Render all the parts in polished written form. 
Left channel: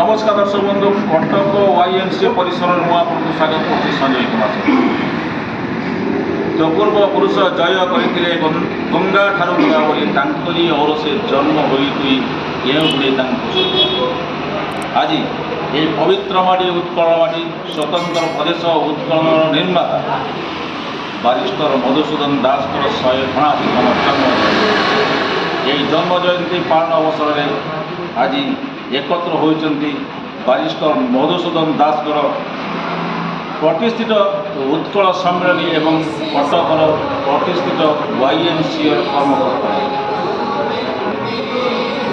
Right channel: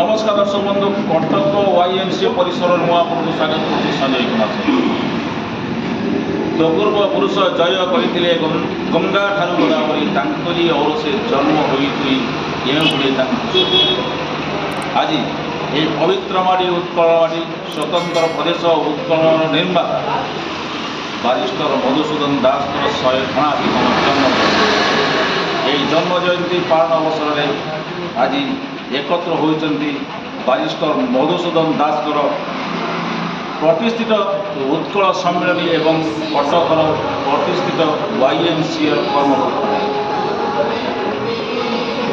नमस्कार दर्शक बंधु कटक YMCA परिसर मु आपको स्वागत कर संजय कुमार तो पूर्व पुरुष जय करते गंगा ठारू गदावरी तांकरी और से जन्म हुई ये आज ये पवित्र माटी उत्कल माटी स्वतंत्र प्रदेश उत्कल निर्माता बारिस्टर मधुसूदन दास 179तम जन्म यही जन्म जयंती पालन अवसर में आज एकत्र होती बारिस्टर मधुसूदन दास प्रतिष्ठित उत्कल सम्मेलनी एवं कटकर प्रतिष्ठित YMCA कर्मकर्ता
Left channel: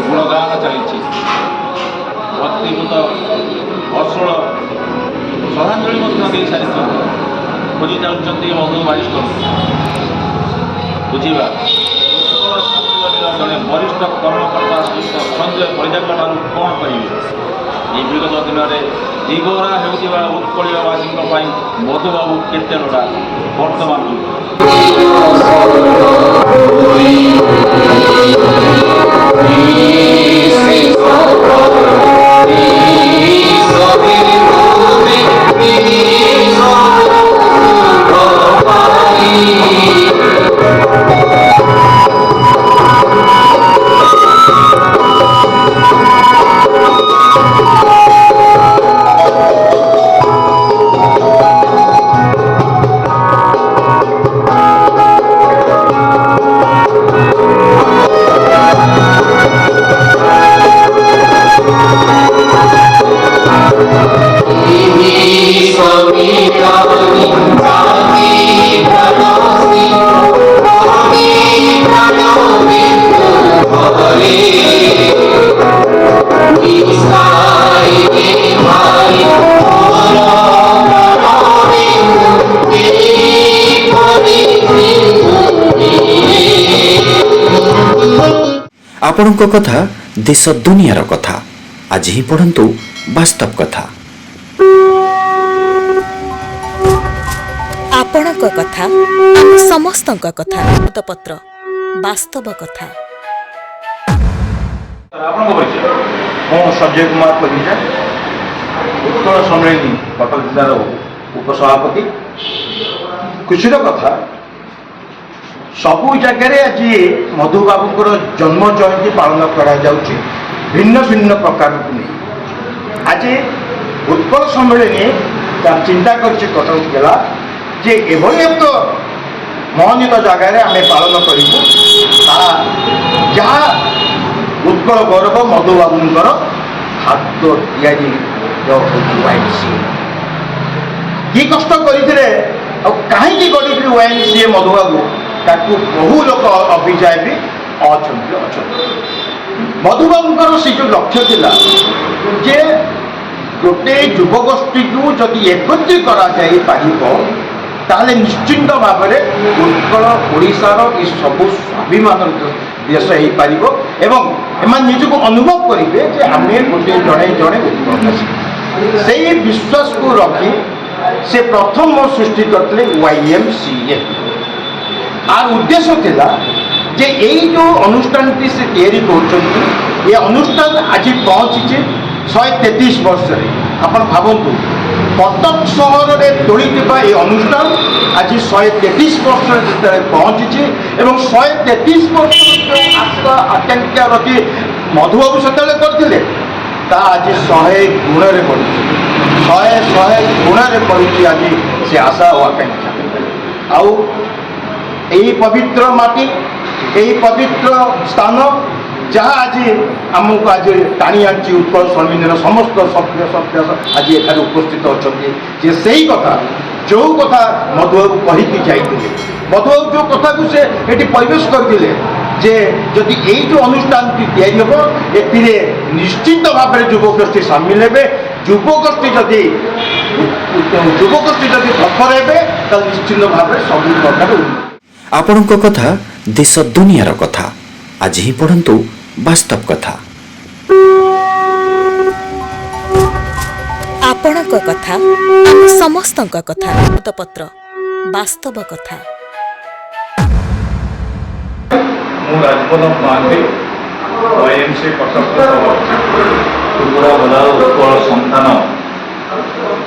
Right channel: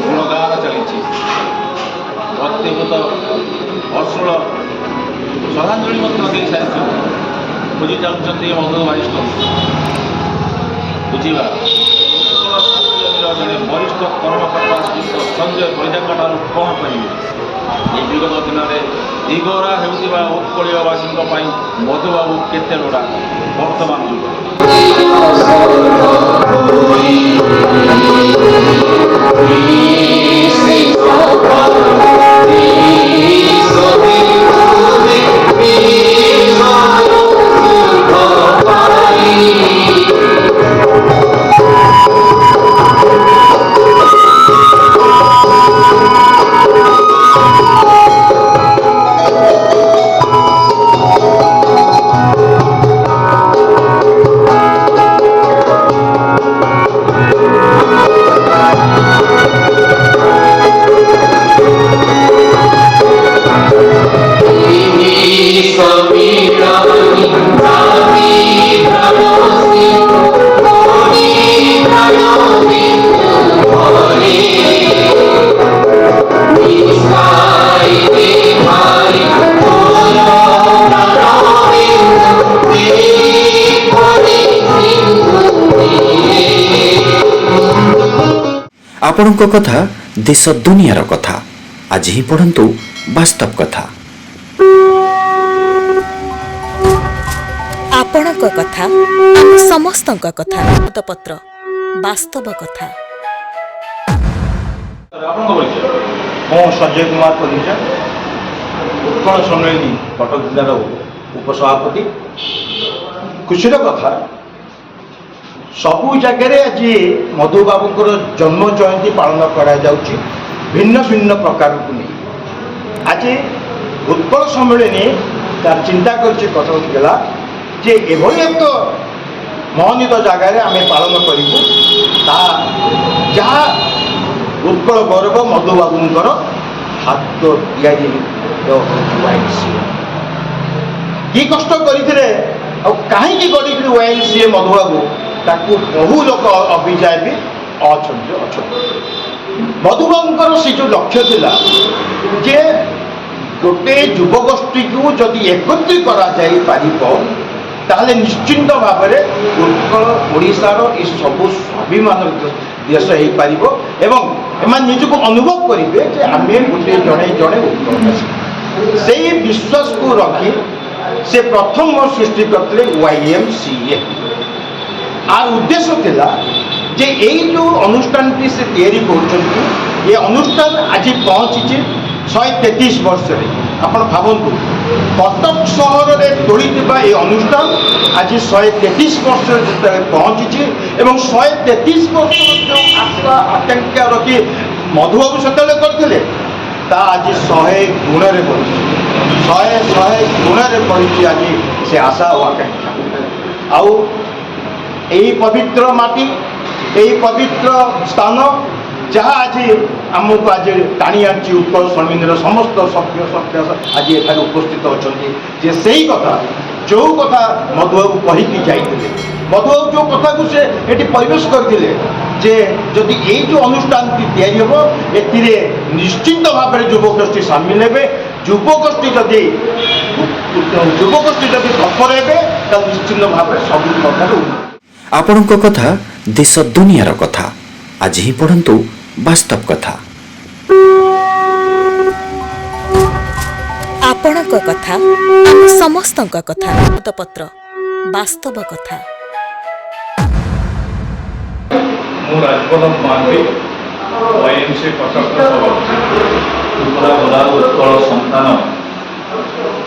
गुणगान चली भक्तिभूत अश्रुल श्रद्धांजलि दे सारी खोजी चलुँच मधु बारिस्टर बुझा उत्कल सम्मेलन जड़े वरिष्ठ कर्मकर्ता श्रीयुक्त संजय परिजा कौन कहे ये विगत दिन में दीघरा होता उत्कलवासी मधुबाबू केते लोड़ा वर्तमान आपणक कथा देश दुनियार कथा आज ही पढ़ंतु वास्तव कथा। आपणक कथा समस्तक कथा पत्र वास्तव कथा। संजय कुमार परिजा उत्कल सम्मेलनी कटक जिलार उपसभापति। खुशीर कथा सबू जगह आज मधुबाबू जन्म जयंती पालन करा जाउची भिन्न भिन्न प्रकार को नहीं। आज उत्कल सम्मेलनी तार चिंता करछि कटक जिला जे एभली एक महनित जगार आम पालन करूँ जहाँ उत्कल गौरव मधुबाबूंकर हाथ तैयारी YMCA कि कष्ट करते कहीं गढ़ी YMCA मधुबाबू ताकू बहु लोक अभिजाय भी अच्छा मधुबाबूंकर से जो लक्ष्य थिला जे गोटे युवगोष्ठी को जदि एकत्रित करा जाई पारिबो ताहले निश्चिंत भाव में उत्कल ओडिशार ये सबु स्वाभिमान देश हो पारिबो एवं एमान निजको अनुभव करेंगे जे आमे गोटे जड़े जड़े उत्कलवासी से विश्वास को रखी से प्रथम सृष्टि करते YMCA आर उद्देश्य थिला जे यही जो अनुष्ठान से तैयारी कर अनुष्ठान आज पहुँची 133 वर्ष आप भावतु कटक सहर में तोड़ी ये अनुष्ठान आज 133 वर्ष जो पहुँची एवं 133 वर्ष जो आशा आकांक्षा रखी मधुबाबू से करते आज 100 गुण में बढ़ी 100 गुण में बढ़ी आज से आशा और आकांक्षा आउ यही पवित्र माटी यही पवित्र स्थान जहाँ आज आमको आज टाणी आनी उत्कल सम्मेलन समस्त सभ्य सभ्य आज एठार उपस्थित अच्छा से ही कथा जो कथा मधुबाबू कहीकि जाइए मधुबाबू जो कथा को से ये परिवेश करते जे जदि यही जो अनुष्ठान तैयारी हम ए निश्चिंत भाव में युवगोष्ठी सामिल हे युवगोष्ठी जदि तत्पर हे तो निश्चिंत भाव में सब प्रकार आपणक कथा देश दुनियार कथा आज ही पढ़ंतु वास्तव कथा। आपणक कथा समस्तक कथा पत्र वास्तव कथा। ମୁଁ ରାଜବଲ୍ଲଭ ମହାନ୍ତି OIMC କଟକର ସଭାପତି। ତ୍ରିପୁରା ବଦା ଉତ୍କଳ ସନ୍ତାନ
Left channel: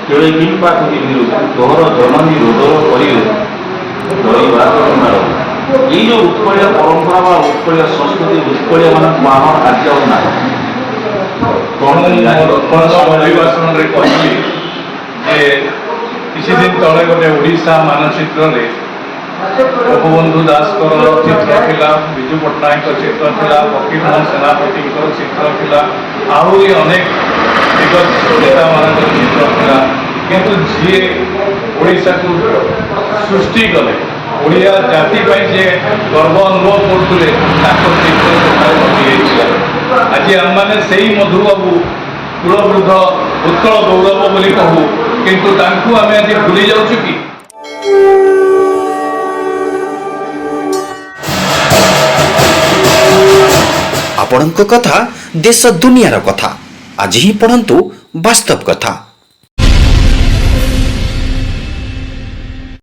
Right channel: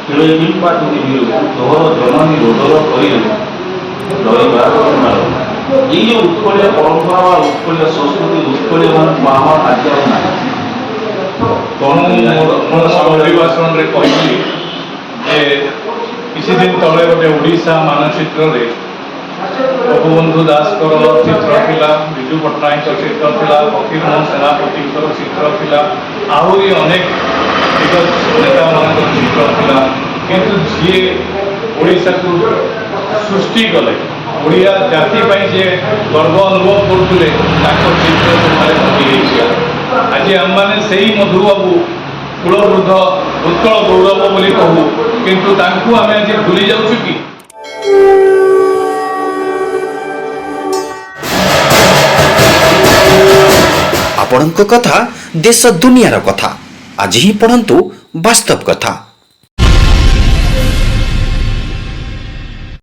କେଳେ କିମ୍ପା ପୃଥିବୀରୁ ତୋହର ଜନନୀ ରୋଦର କରିରେ ରହିବା ଘଟଣାର ଏଇ ଯେଉଁ ଉତ୍କଳୀୟ ପରମ୍ପରା ବା ଉତ୍କଳୀୟ ସଂସ୍କୃତି ଉତ୍କଳୀୟମାନଙ୍କୁ ଆମର ଆଜି ଆଉ ନାହିଁ। ତେଣୁ ମୋର ଅଭିଭାଷଣରେ କହିଲି ଯେ କିଛି ଦିନ ତଳେ ଗୋଟେ ଓଡ଼ିଶା ମାନଚିତ୍ରରେ ଗୋପବନ୍ଧୁ ଦାସଙ୍କର ଚିତ୍ର ଥିଲା, ବିଜୁ ପଟ୍ଟନାୟକଙ୍କ ଚିତ୍ର ଥିଲା, ଫକୀରମୋହନ ସେନାପତିଙ୍କର ଚିତ୍ର ଥିଲା, ଆହୁରି ଅନେକ ଦିଗ୍ଗଜ ନେତାମାନଙ୍କର ଚିତ୍ର ଥିଲା। କିନ୍ତୁ ଯିଏ ଓଡ଼ିଶାକୁ ସୃଷ୍ଟି କଲେ, ଓଡ଼ିଆ ଜାତି ପାଇଁ ଯିଏ ଗର୍ବ ଅନୁଭବ କରୁଥିଲେ, ତାଙ୍କ ଚିତ୍ର ସେଠାରେ ହଜିଯାଇଥିଲା। ଆଜି ଆମମାନେ ସେଇ ମଧୁବାବୁ କୁଳବୃଦ୍ଧ ଉତ୍କଳ ଗୌରବ ବୋଲି କହୁ, କିନ୍ତୁ ତାଙ୍କୁ ଆମେ ଆଜି ଭୁଲି ଯାଉଛୁ କି? ଆପଣଙ୍କ କଥା ଦେଶ ଦୁନିଆର କଥା ଆଜି ହିଁ ପଢ଼ନ୍ତୁ ବାସ୍ତବ କଥା।